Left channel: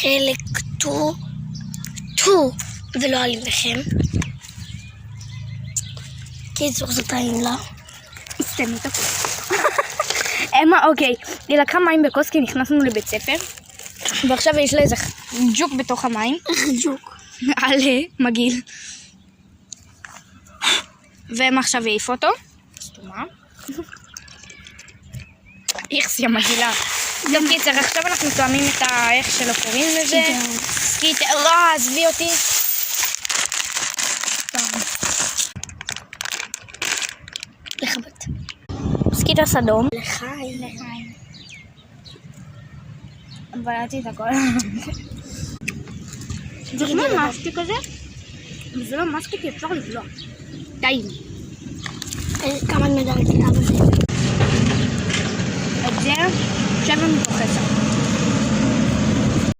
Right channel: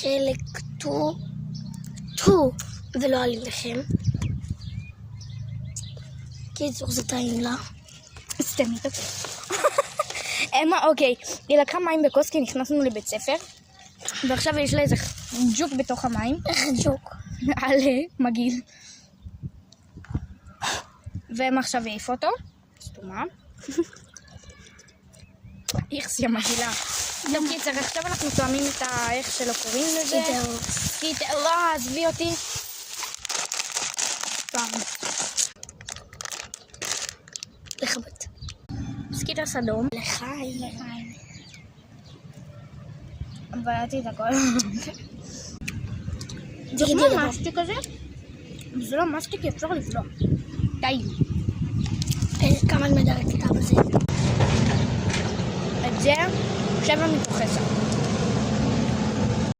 חלק טו ולא עליכם. קיצור זה טעים לה. סתם את הכוס. אמה, אוקיי, היא לקחה מים בכוס כי נכנסנו לבית ספר, ועכשיו יש לה איזה ג'וק בתוך המים. איך ג'וק? על מגעיל. והם עכשיו העיף אותו. סתומה. איכס, יא מגעילה. טוב, קיצר, עכשיו אנחנו תואמים את איך שלא קוראים לזה. קיצר, לא, עזבי אותי. לחבט. סקיטוס אדום. לחיים. בלעתי את הכל. זה כמו מסטיק כזה, וזה לא מסטיק, אפשר לבלוע. טעים. כמה מדרג את אבא שלי. את זה, עכשיו אני פוחסה.